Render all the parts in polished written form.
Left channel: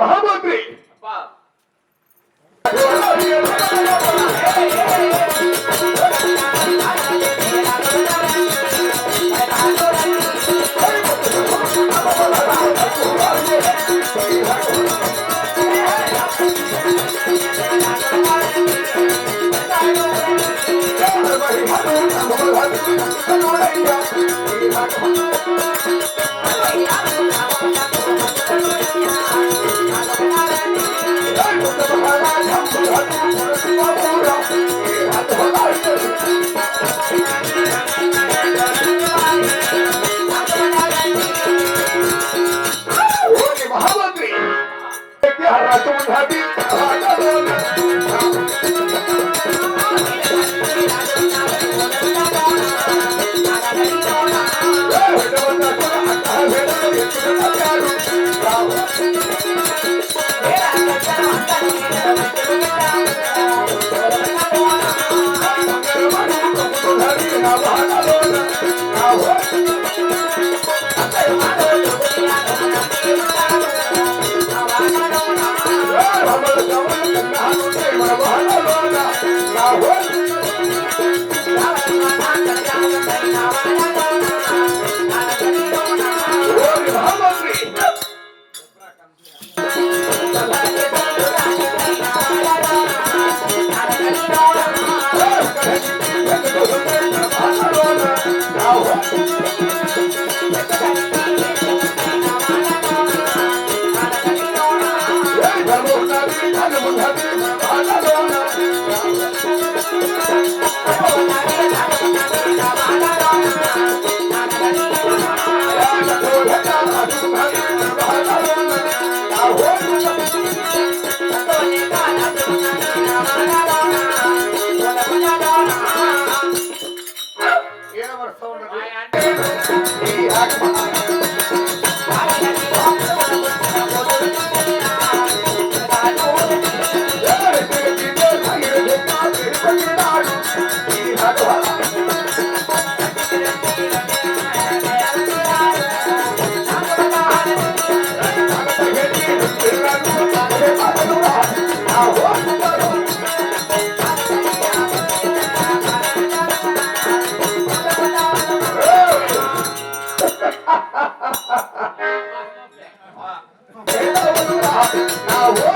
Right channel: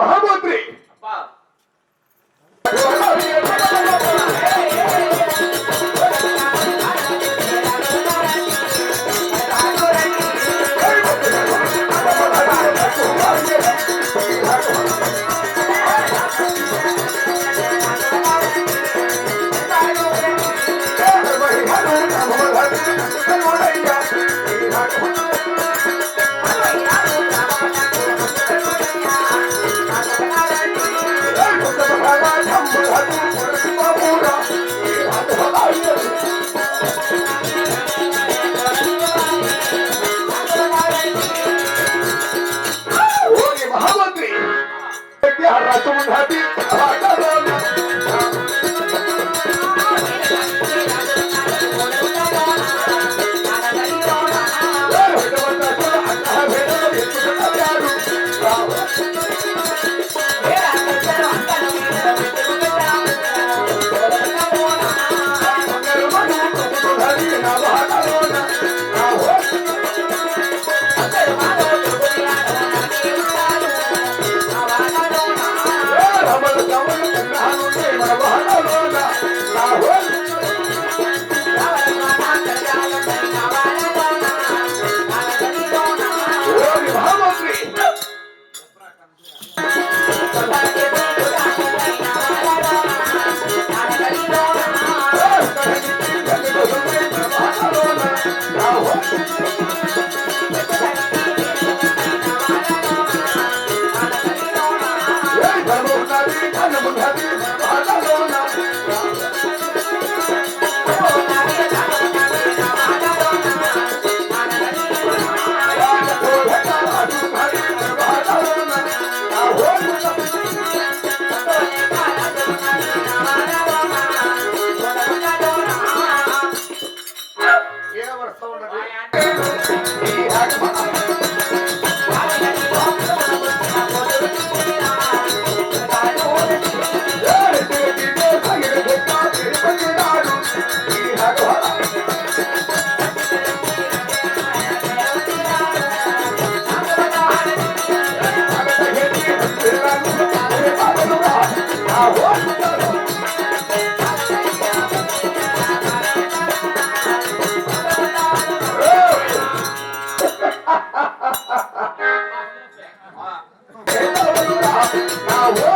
మహామంత్రి Hare ఎవరు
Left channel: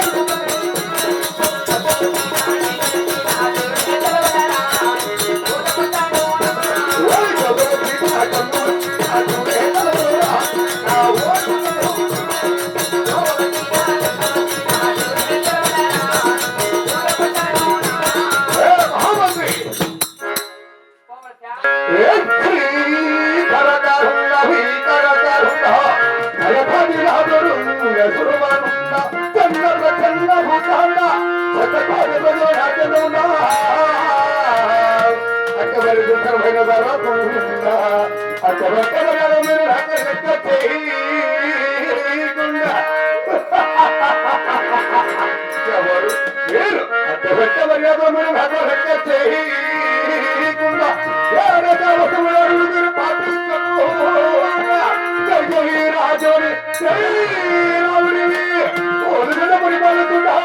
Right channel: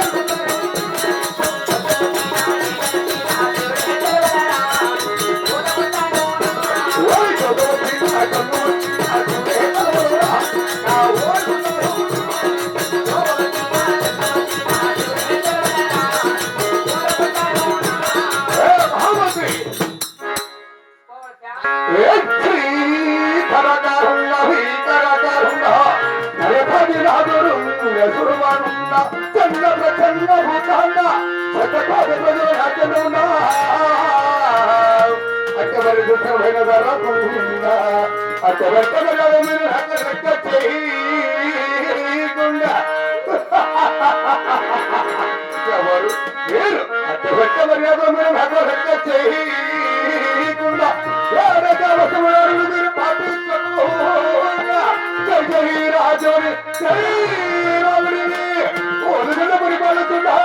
మీరు అడ్డబెట్ట మర్యాద మీరు చేయకుండా మీరు పాటించకుండా రాజుని శ్రీరాముడిని ఓదుగల పరిపాలిస్తున్నా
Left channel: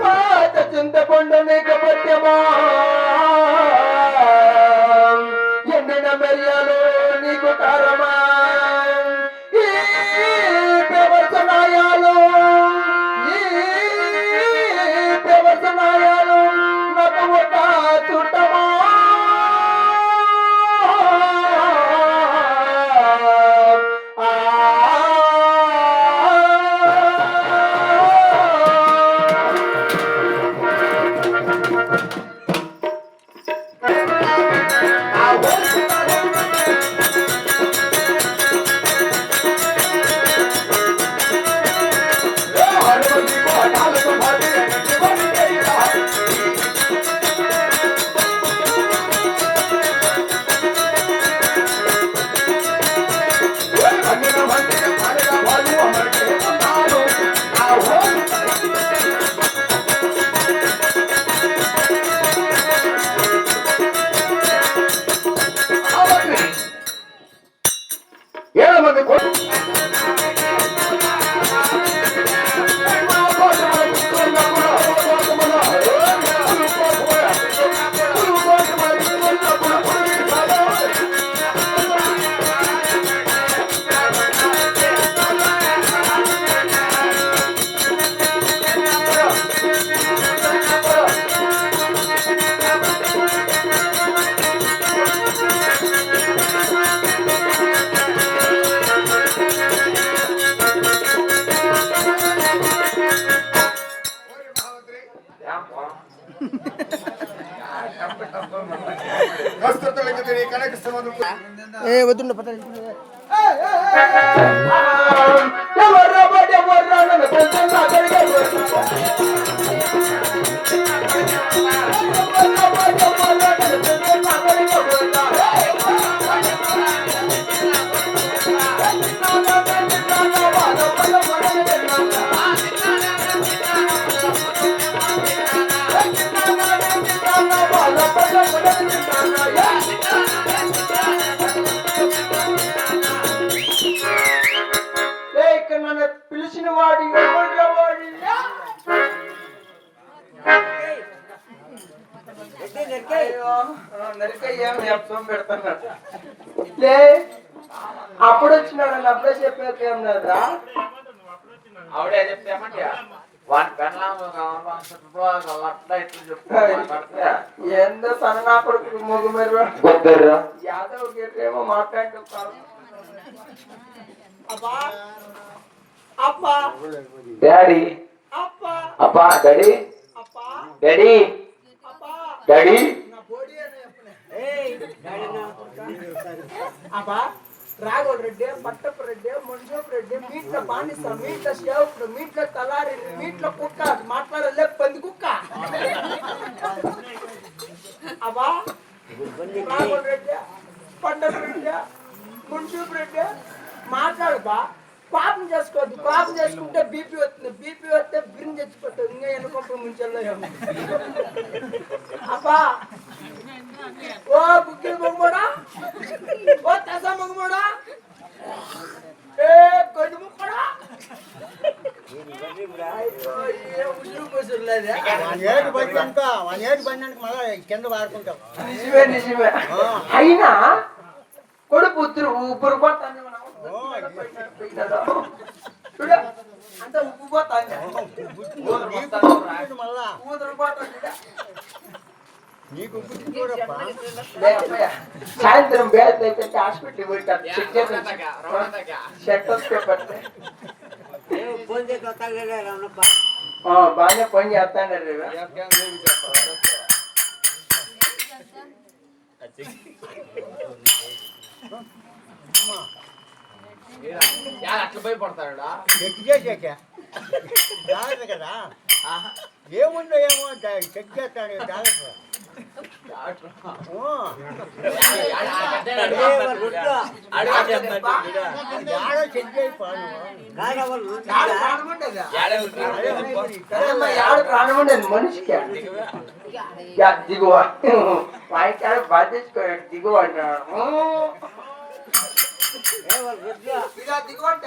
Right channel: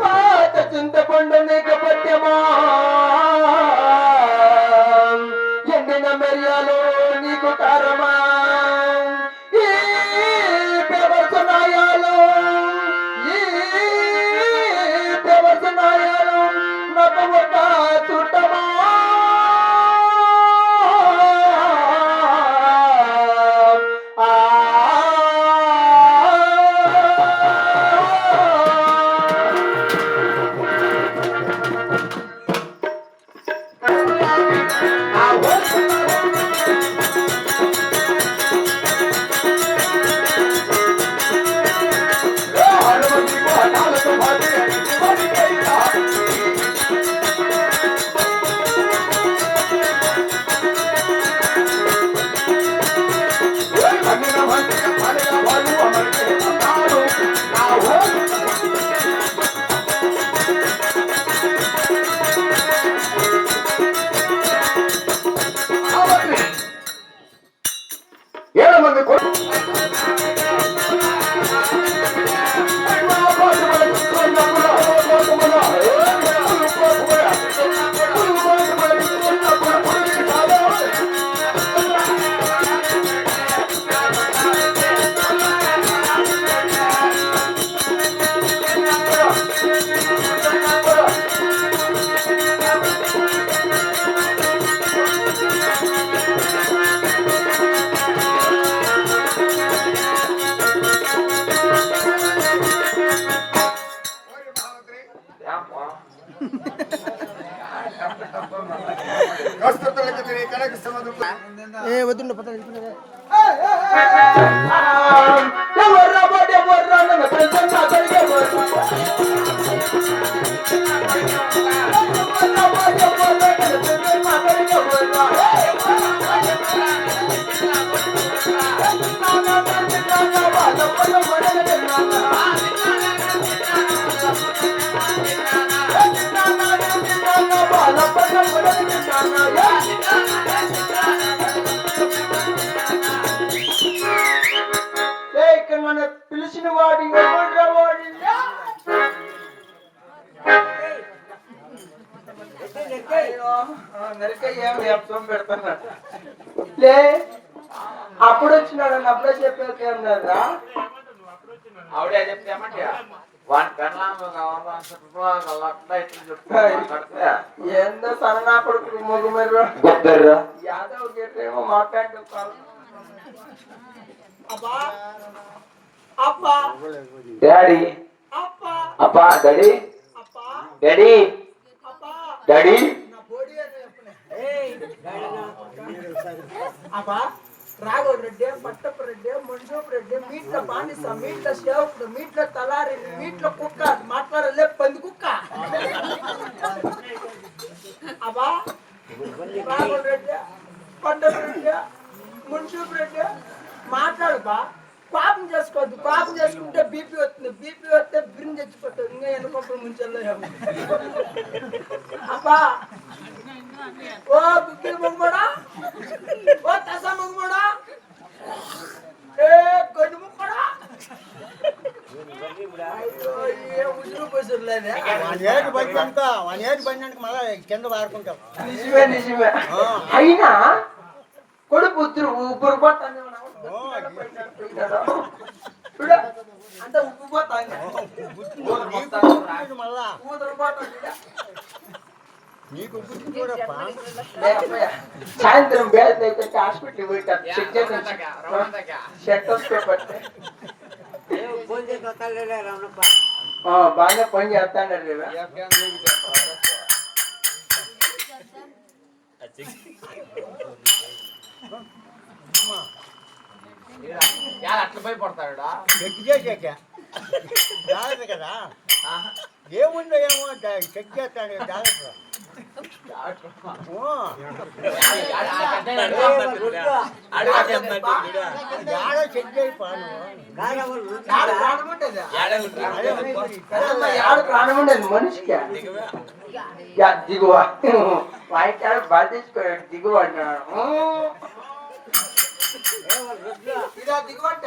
పాత చింతపండు నీకు పట్యమా ఎండిన మెరియాలు నీకు కారమా ఈ ప్రవచనాయాలు నాకు ఒక చుట్టమా పిలిచిన వాడి అప్పుడు వచ్చినాడు అప్పుడే చెప్పేదా ఆవిడే చెప్తామంటే ఏందో సరనా కొడుకు మొగ్గు మీరు యాదవ్ గేటేమో మాట్లాడి డాడీ అప్పా డాడీ డాడీ డాడీ రాఘోడ్ రెడ్డి పట్టపు రెడ్డి మంజోపు రెడ్డి మీట్ల బానిస మీట్ల సేవకుడు మీట్ల తలారి మీట్ల కుక్క మాట్లాడలే పంది కుక్క అబ్బా రాఘోడ్ రెడ్డి పట్టపు రెడ్డి మంజోపు రెడ్డి మాట్లాడబా కోపం చేసుకోవద్దు కోపం చేసుకుంటే బీపీ వస్తుంది బీపీ వస్తే బిర్ని చచ్చిపోతుంది ఇంకా ఎన్నుకొంప ముంచెల్లో అబ్బా ఓ బుక్కిల మొగ్గడా ఓ తస మొగ్గడా ఏ గడ్డి ముక్కడా కింద వాడుకుంటాం. నిజమే నిజమే. అయినా కొడుకు ఊపిరి పోతాను అంత ఉప్పు పోతాను మళ్ళా ఊదరు పోతాను. నీకు కూడా సాయంత్రం బ్యాగ్ అయితే హాస్పిటల్ పోయిటారు బాగా పని చేస్తాను. అట్లా భయపడతాడా చెక్ చేసాక కదా ఏముందో ఏమో చెక్ చేస్తాడు డాక్టర్. చెక్ చేయిపోను ప్రాణముండదు మనిషికి. దిగువ వాయికాడ బాధేసుకోడు దిగువ అంటున్నాడు. దిగువంట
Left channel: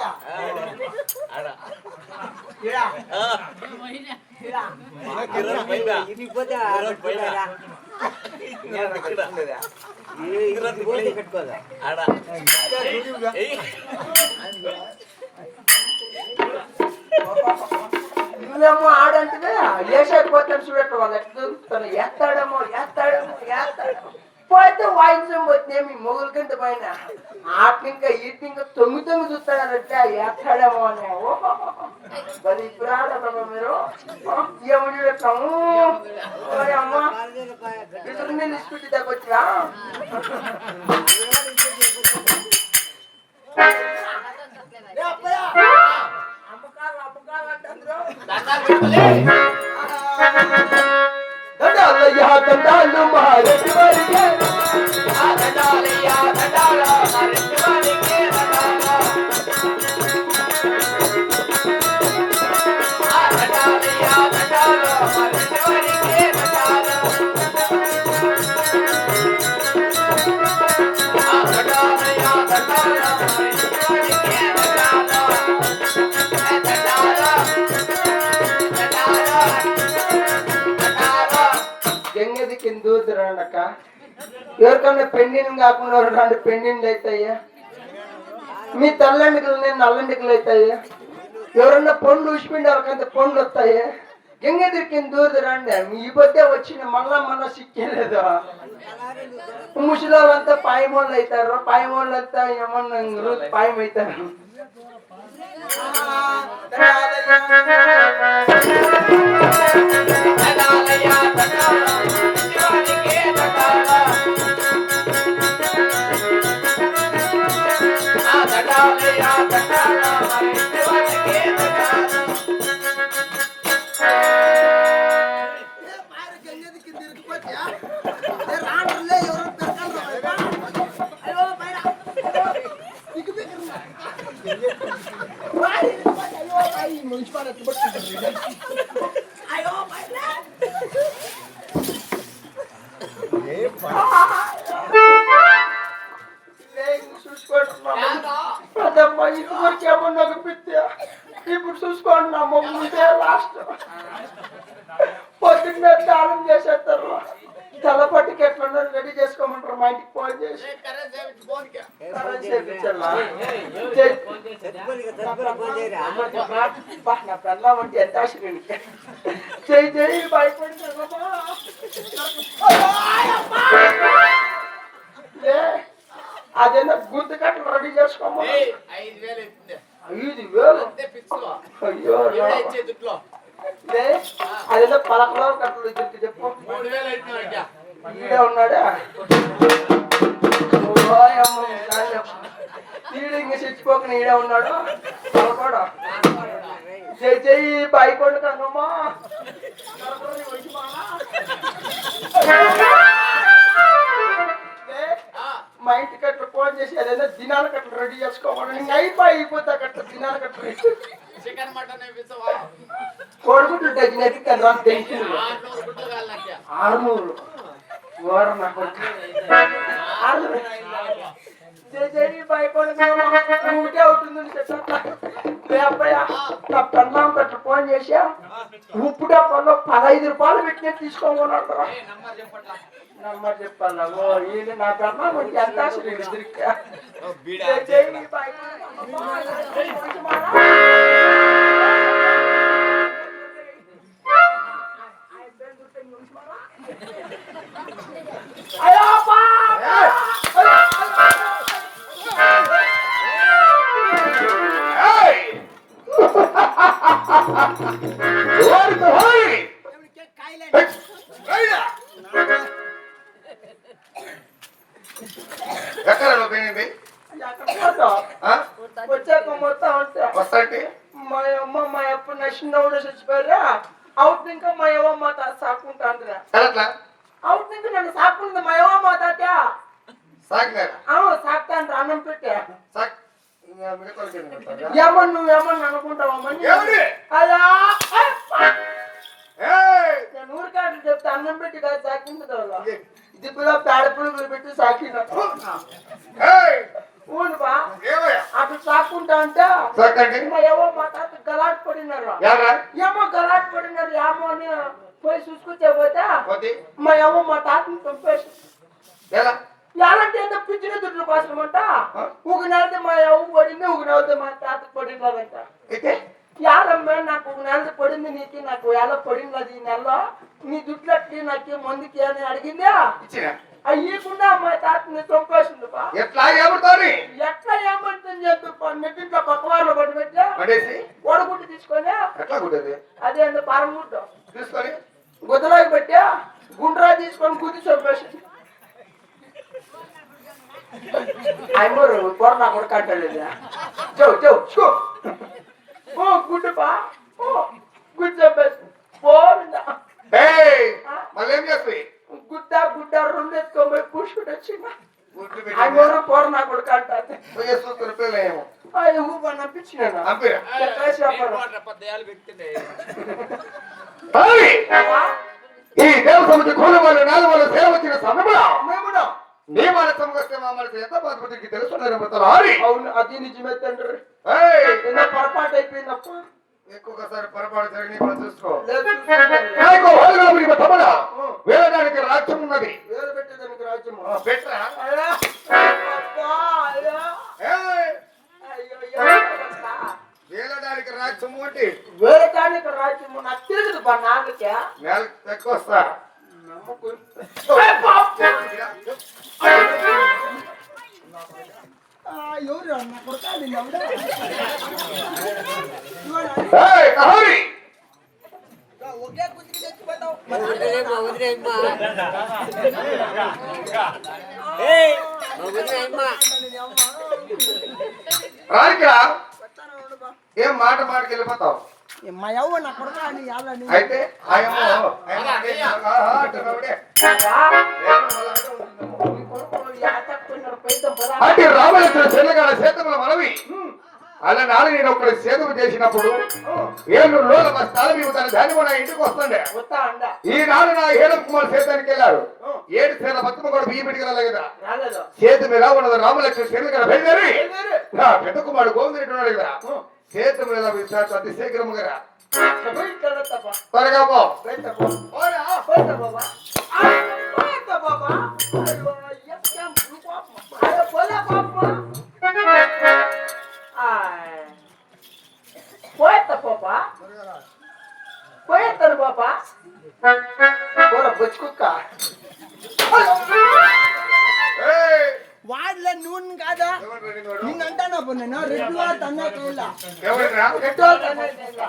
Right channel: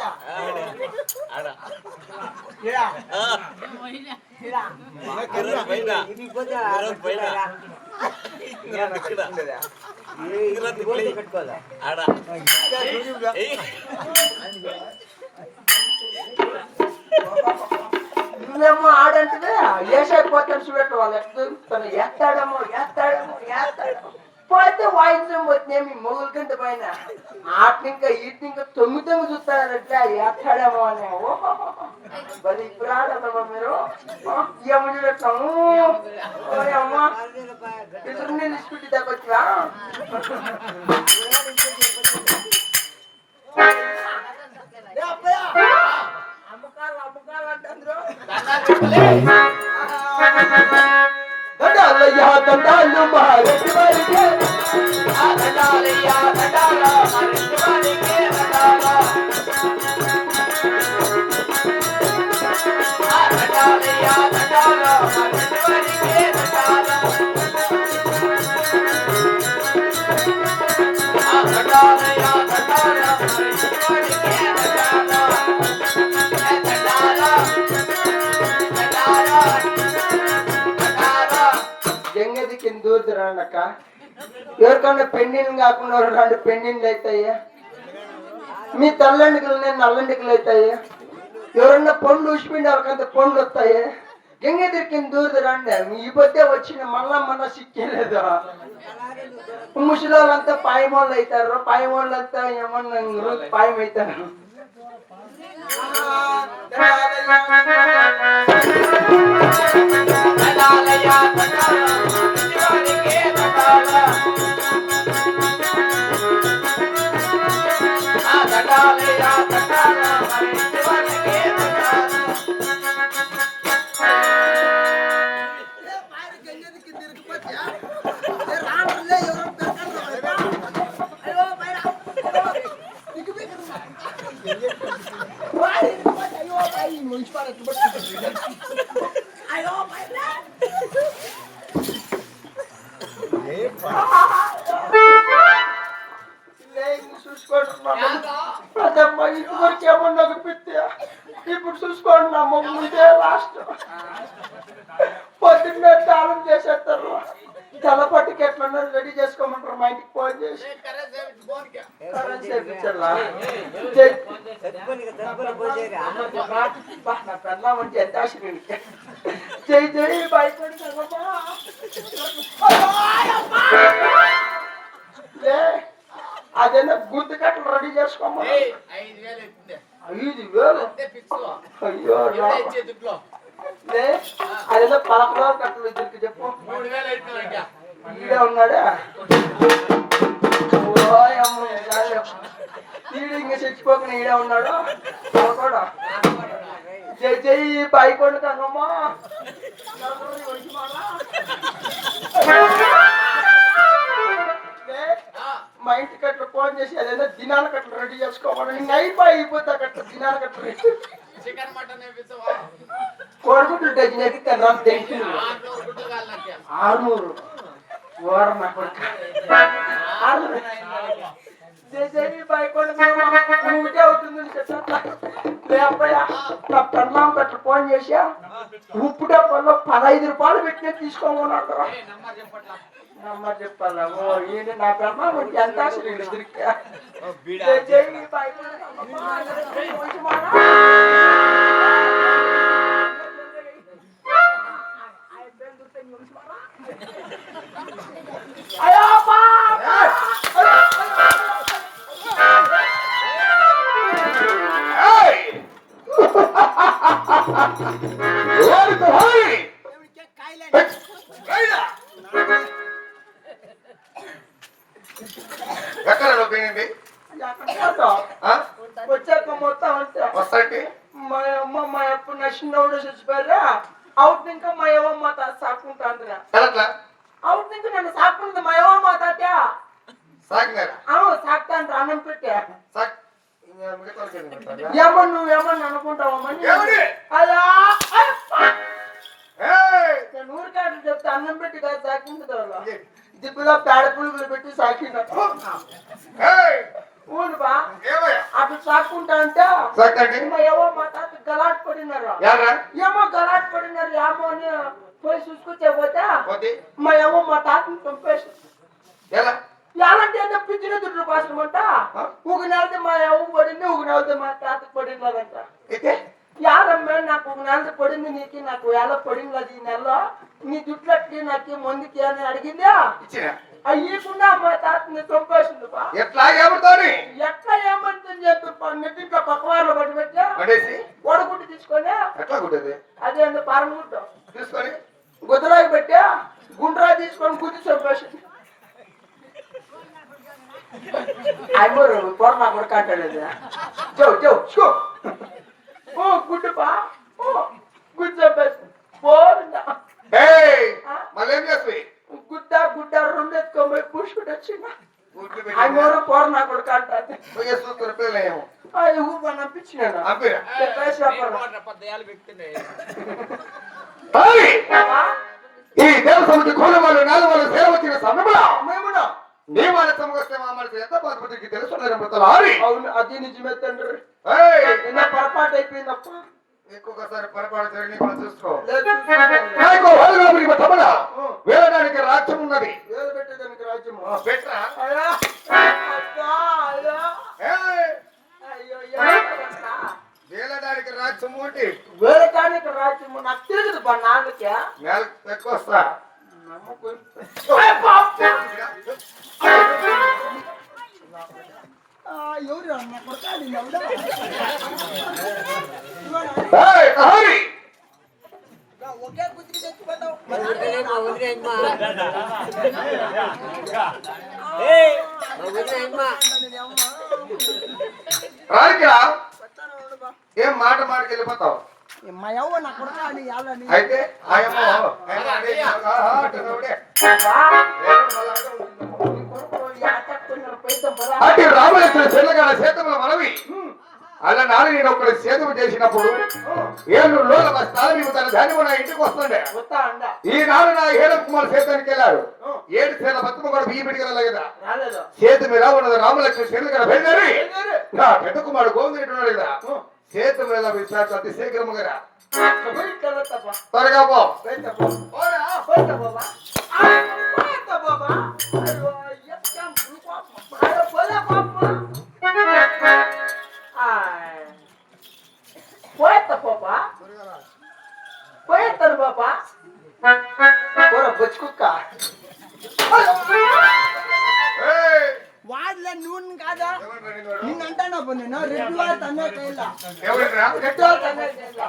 నువ్వేమో ఆడంటే వేసేకపోతే చూడటం వాళ్ళు ఎట్లా ఎత్తాడేమో పోతే వాయించడం పోతున్నాయి మీ మొగుల కింద పైన ఆటింకా ఈటింకా తొమ్మిది చూస్తారంటే ఎత్తాడేమో అని. మరి ఇప్పుడు ఆడమ్మా మీరు ఏమని చూడటము అమ్మా ఇద్దరు నేను ఇసుపెట్టి తగ్గొచ్చా అమ్మకాలు అంటే దండాలయ్యా దండాలు మారెడ్డి వారికి దండాలయ్యా దండాల మారెడ్డి వారికి దండాలయ్యా దండాల మారెడ్డి వారికి దండాలయ్యా దండాల మారెడ్డి వారికి గంగది కింద దూరుతురండి అక్క. ఎవరికన్నా పెండింగ్ కాకుండా 2 పెండింగ్లు అవుతాయా? మీ తెల్లండికలు నేను నల్లండికలు అవుతాయా? ఎవరన్నా పండు ఉసిపిండి వాళ్ళకంత పండ్లు వస్తాయి. గంగది కింద దూరుతురండి. ఈ పొద్దే వచ్చిన మళ్ళా సిక్కేలేదు. ముసలిళ్ళంతా పాయమోళ్ళు అవుతారు. పాయమోళ్ళంతా ఏమన్నా పాయం అవుతారు. ఇప్పుడు చూసుకోండి నా ముందే లాస్ట్ పొద్దున్నే తాళం చేసేస్తారు. తెల్లపట్టికి ఎట్లా రెడీ చేసుకోమంటారు. మా ఇంటికి ఫోన్ చేసి నా పెళ్ళామంటే ఎంత ఆశ్చర్యం. చెయ్యి చెయ్యి భయపడి అదేనా గుర్తు కట్టలు రెడీ చేసుకోమని 5,000. అయ్యో అదేదో పలకలో కట్టలు ఇద్దరికి చెప్పు. ఈడే ఉన్నాడా ఈడు ఇంకా చచ్చిపోకుండా ఈడే ఉన్నాడు. పలకోడు జై జై బాయికొండ కన్నమ్మా. మా ఇంటికి అట్లా ఫోన్ చేసి అదేదో దినాల కట్టలు రెడీ చేసుకోమని ఇంకా అయిపోతే అట్లా దినాల కట్టలు రెడీ. కోడిగుడ్లు డజన్ అయితే 600. ఒకటే అవుతుందని చెప్పా నా పెన్మాం పట్ల ఫోన్ చేసా ఉప్పు డబ్బాలో 15 రూపాయలు పెట్టిన తీసుకోమన్నాడు. నమ్మర్ చెప్పాలా ఈయన నా పెన్మాం ఎంత అసలు ఇద్దరికి ఎక్కడ పోయింది వచ్చాక మొత్తం వస్తాంటి మా అమ్మ మా అప్ప నా చిన్నవాడు చచ్చిపోయారా అవుట్ ఇంకా మా యవ్వ మా తాత సాకుంటాందిరా ఎట్లా అవుట్ ఇంకా నన్ను సాకుంటుంది మా యవ్వ మా తాత సాగినారా సాక్తాండ్రా అన్నం పెట్టా సాక్ ఏమన్నా నువ్వేమన్నా అనుకుంటావమ్మని అలా నేను ఊరికాట్లు చెప్తే అన్నం పెట్టి కాదు సాకింది దిబ్బలో పేడ పురుగులు పెట్టి సాకిన ఊను బా అటు సాక్కుంటా అంటే ఏమో మా తాత గలాట్ పడినారు ఏమో గలాట్ పడినారు ఏమో అని పోయి చూసుకొచ్చే పోతే మా ఏమో మా తాతని చంపేసి ఎలాంటి ఎంత పిచ్చిన దుడ్లు కోసమంట ఒక నెలది మా అవ్వ పడింది ఒక నెలది మా తాతకు పడినదంట యాదమ్మే నాకు ఒక నెలది పడింది నీకు నాకు ఎలా పడింది అది ఈ నెలలో నీ దుడ్లకి నాకు ముందుకి అని అడిగిందా అయ్యకుండా మా తాతని చంపేసింది ఎట్లా ఏమంటారు ఎట్లా ఏమంటుంది చెప్పి నెట్టింట్లో పక్కవారిలో పడి పెట్టా ఓడగుడ్డు తీసుకొని ఎట్లా కుట్టేది అదే అండి పరమగుడ్డు తీసుకొని గుద్దరాకి పెట్టా గుండ్రా తీసుకొని గుద్ది చంపేసింది. అమ్మరు కొరనా కొడకంటలేదు చెవు చెవు గుడ్డు బా గుడ్డు చంపేసింది పోయిందా మళ్ళీ ఏం చేస్తాయి గుడ్డ రెండు ఎత్తుకోబోయి పూసుకుంటూ వచ్చిందా అమ్మరు కొరనా కొడకంటే చూసుకుని పిల్లలేమో అది ఊప నప్పించినాను ఈ దేవసముకి కోలమాలు నాలుగు సేవ వచ్చిన సమయంలో నీ మన సమస్య మా మనసు ఎంత బాధపడికి తెలుసున్నారు అవును అది నిజమే తండ్రి పొరపాటు అయిపోయిందప్ప ఇంకొకసారి పొరపాటు జరిగి మనం చూసుకో లేదు వేయడానికి రాజ్యం ఉన్నది వేలు పెట్టేదానికి రాజ్యము పెట్టరా వేలడానికి రాజ్యము అంటే వేలటానికి రాజ్యము నాకు తెలియదు బా నాన్నకే నెలకు ఎక్కువ వస్తా ఏం మాట మాటకి వెళ్ళిపోతావు అయితే అంటే రామలక్ష్మణ చెల్లగాడ సేతముల మనవి అలా నాడు నేను ఒకటి సేతువు చేసినప్పుడు ఏళ్ళు లోల స్థలం తన ధాన్యం నా ఇంటికి వస్తుండే ఈనాడు నా ఏడు కుమార్ సేతానికి వెళ్ళారు 7 సేల బతుమ కూడా బియ్యం పిడికి కదా సేతు మీద ఉన్నది రామలక్ష్మణ చెల్లగాడ బయలుదేరి నా పెద్ద కుమారుడు గోవిందుడు ఉన్నాడు కదా సేతు మీద విశ్వాసం అతి శీఘ్రముగా త్వరగా పో పోయేస్తాను బాబా బొచ్చుకుక్క వాడలే నూనె కాదా నిన్నంటానా నేను రెడ్డి వాళ్ళ తన్నా కైలా రెడ్డి వాళ్ళ తన్నా కైలా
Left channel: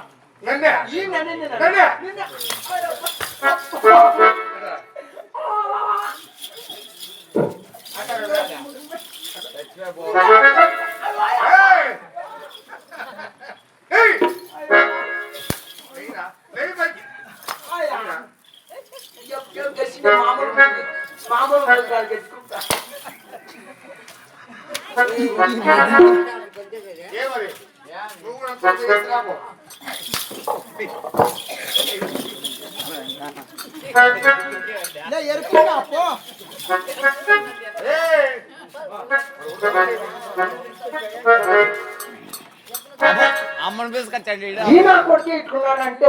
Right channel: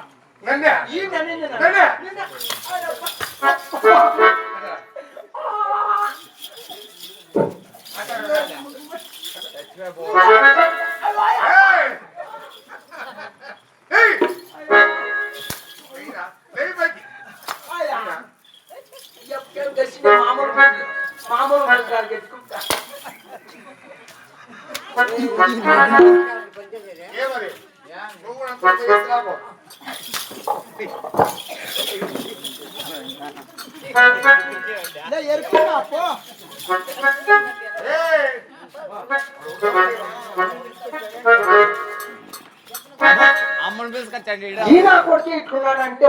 మామూలు గెట్టుకుంటా ఏమరి నువ్వు కూడా ఎరుకున్నా అమ్మని పిలుచుకొచ్చాడు ఈడ. ఈయన కొడుకు ఇట్లున్నాడంటే